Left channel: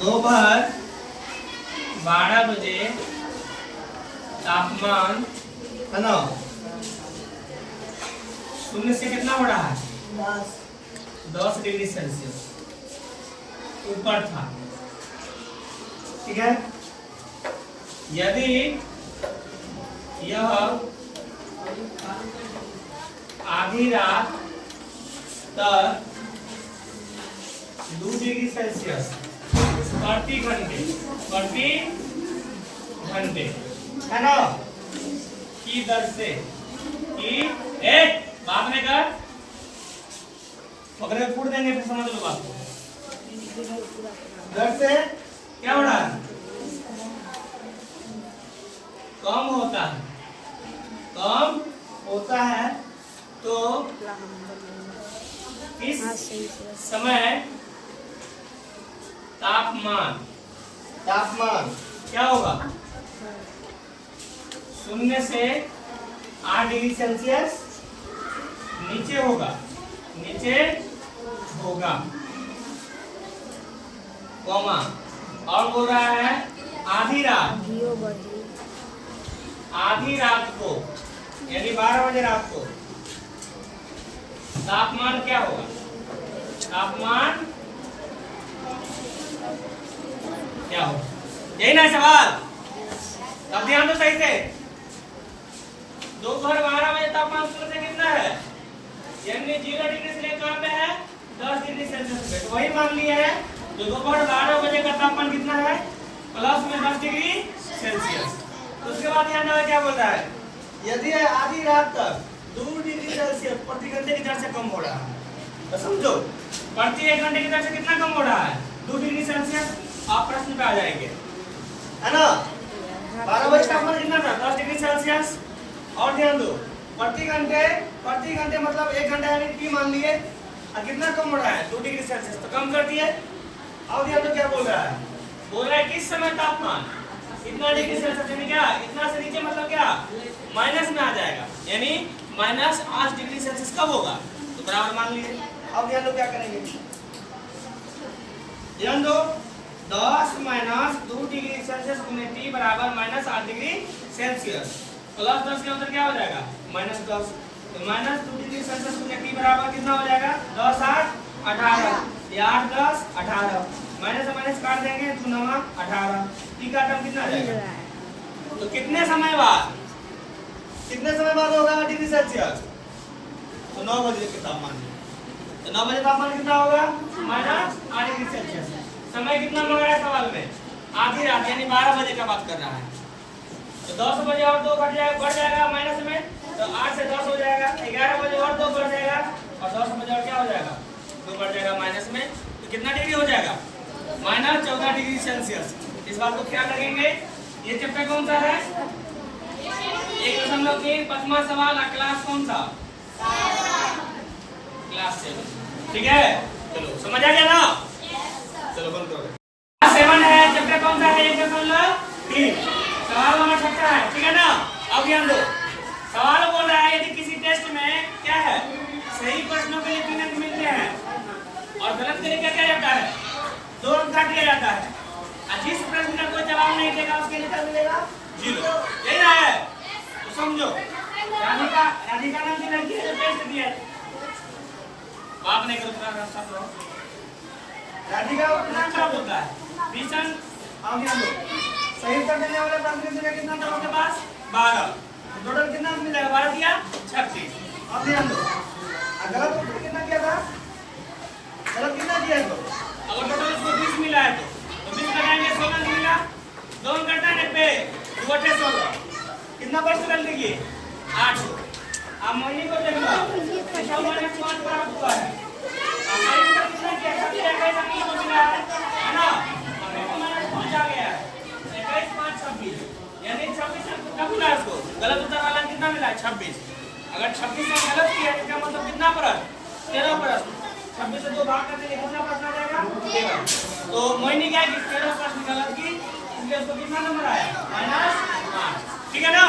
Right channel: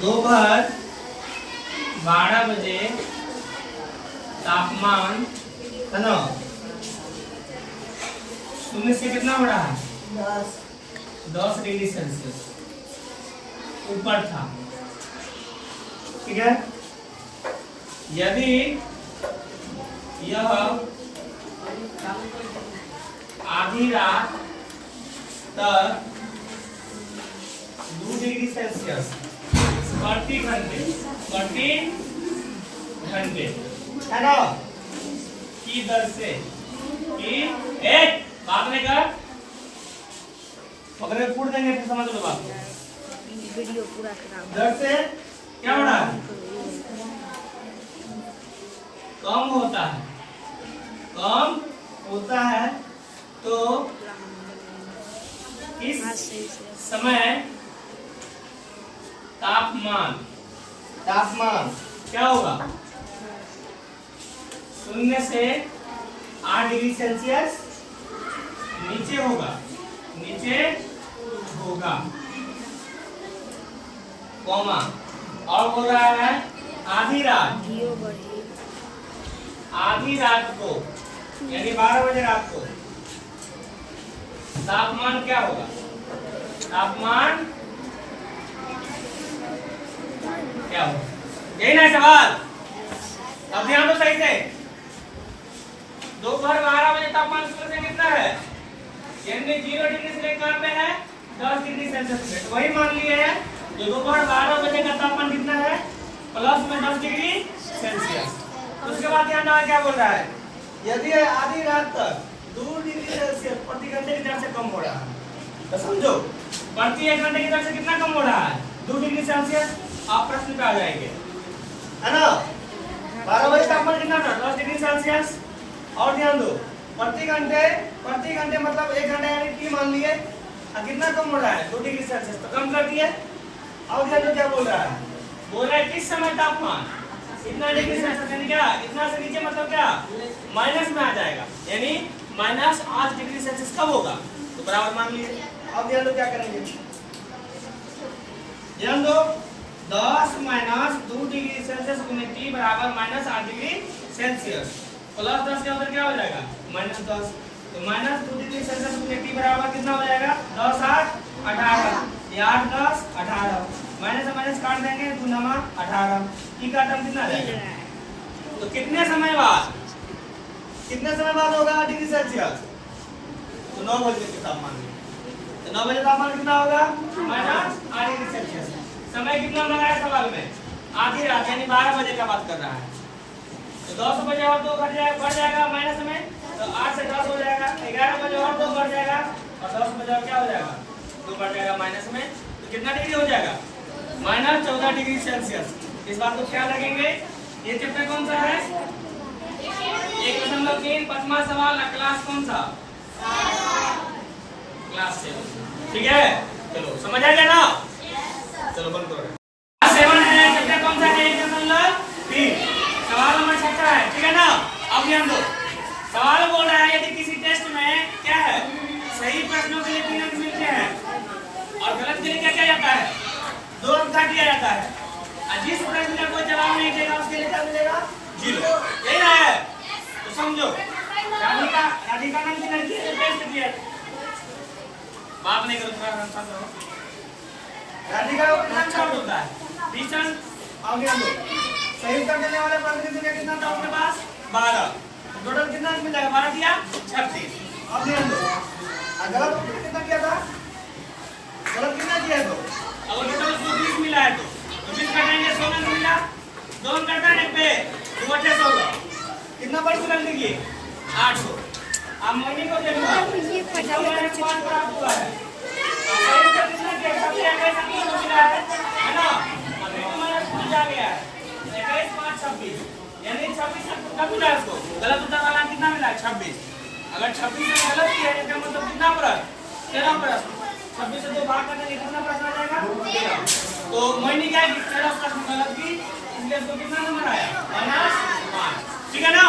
दोपहर 12 बजे तापमान है ना 0 से कितना हो रहा है 10 डिग्री सेल्सियस ऊपर था। ठीक है, यदि यह आधी रात तक 2 डिग्री सेल्सियस प्रति घंटे है ना की दर से कि एक बात नहीं कर पकड़े फूट देंगे फिर समझ लो बात दर से क्या हो रहा है कम होता है तो इस समय तापमान क्या होगा 0 से 8 डिग्री सेल्सियस नीचे होगा कॉमा और बोल रहा है आधी रात को यानी 12 बजे रात को तापमान क्या होगा यही ना सवाल अब ध्यान दो सही से दोपहर 12 बजे तापमान 0 से कितना है यानी 0 डिग्री से लेकर पे है 10 डिग्री सेल्सियस पे तो वही मान लिया है जो दोपहर 12 बजे का तापमान कितना है प्लस में 10 डिग्री सेल्सियस। तो उसके बाद ध्यान रखना क्या बोल रहा है यदि आधी रात तक 2 डिग्री सेल्सियस प्रति घंटे की दर से कम हो रहा है तो समझो प्रति 1 घंटे की दर से कितना कम हो रहा है 2 डिग्री सेल्सियस। आप प्रश्न पे आ जाएंगे है ना 12 बजे तापमान कितना था 10 डिग्री सेल्सियस। और ध्यान दो प्रति घंटे मतलब 1 घंटा यानी टी मान लिए कितना कम हो रहा है 2 डिग्री सेल्सियस तो कम कर दिए। और ध्यान दो क्या बोल रहा है किस समय तापमान इतना डिग्री सेल्सियस यानी क्या इतना से नीचे मतलब क्या माइनस में आ जाएगा यानी -8 डिग्री सेल्सियस कब होगा तो बराबर मान लिए। अब ध्यान दो क्या करेंगे ध्यान दो 10 - 2 डिग्री सेल्सियस गुने टी बराबर -8 डिग्री सेल्सियस प्लस 10 के अंदर क्या हो जाएगा -10 तो -2 डिग्री सेल्सियस गुने टी बराबर कितना हो जाएगा 10 8 18 8 10 18 माइनस से माइनस काट देंगे 2 9 18 टी का टर्म कितना आ जाएगा तो कितने समय बाद होगा डिग्री सेल्सियस तो 9 बजे के तापमान तो 9 बजे तापमान कितना होगा -8 डिग्री सेल्सियस। समय कितना मांगा है सवाल में आधी रात यानी 12 बजे का बात कर रहा है तो 10 बजे और 2 बढ़ जाएगा माइनस में तो 8 से 10 हो जाएगा 11 बजे और 2 बढ़ जाएगा और 10 बजे और क्या हो जाएगा 2 बढ़ जाएगा माइनस में तो कितना डिग्री हो जाएगा -14 डिग्री सेल्सियस। इस बात को ख्याल रखेंगे। ये चैप्टर कौन सा है 1.3 5वां सवाल क्लास कौन सा क्लास 7 ठीक है चलो समझ आ गया ना चलो बंद करो 7 है चैप्टर कौन सा है 1.3 सवाल नंबर 17 है ठीक है ना। अब ध्यान दो सवाल बोल रहा है यदि किसी टेस्ट में क्या है सही प्रश्नों के लिए 3 अंक मिलते हैं और गलत के लिए क्या किया जाता है 2 अंक काट दिया जाता है और जिस प्रश्न का कोई जवाब नहीं देगा उसके लिए क्या मिलेगा 0 यही ना है तो समझो राधिका नाम की लड़की है टेस्ट दिया बात नहीं करो राधिका नाम क्या होता है रीजन। और ध्यान दो सही उत्तर देने वाले प्रश्न की संख्या कितना था उसके पास 12 तो टोटल कितना मिल जाएगा 12 दिया 36। अब ध्यान दो गलत उत्तर कितना किया था गलत कितना किया तो अगर टोटल उसको 20 मिला है तो 20 कटाएंगे 16 मिला 2 कटाने पे 2 बटे 16 कितना परसेंट लिखिए 800। अब मोहिनी को देख लो ये प्राप्त हुआ है अब सही उत्तर कितना किया सबसे 21 को मिला है ना अब माइनस 5 आ गया है 21 5 26 यानी 26 कब मिला है उसको गलत उत्तर वाला कितना मिला है 26। अगर 26 से गलत किया है इसका मतलब कितना प्रश्न 13 प्रश्न 26 से 2 भाग कर देंगे कितना प्रश्न आ जाएगा 13। तो मोहिनी क्या की 13 प्रश्न गलत की इसलिए उसको कितना नंबर आया -5 ठीक है ना।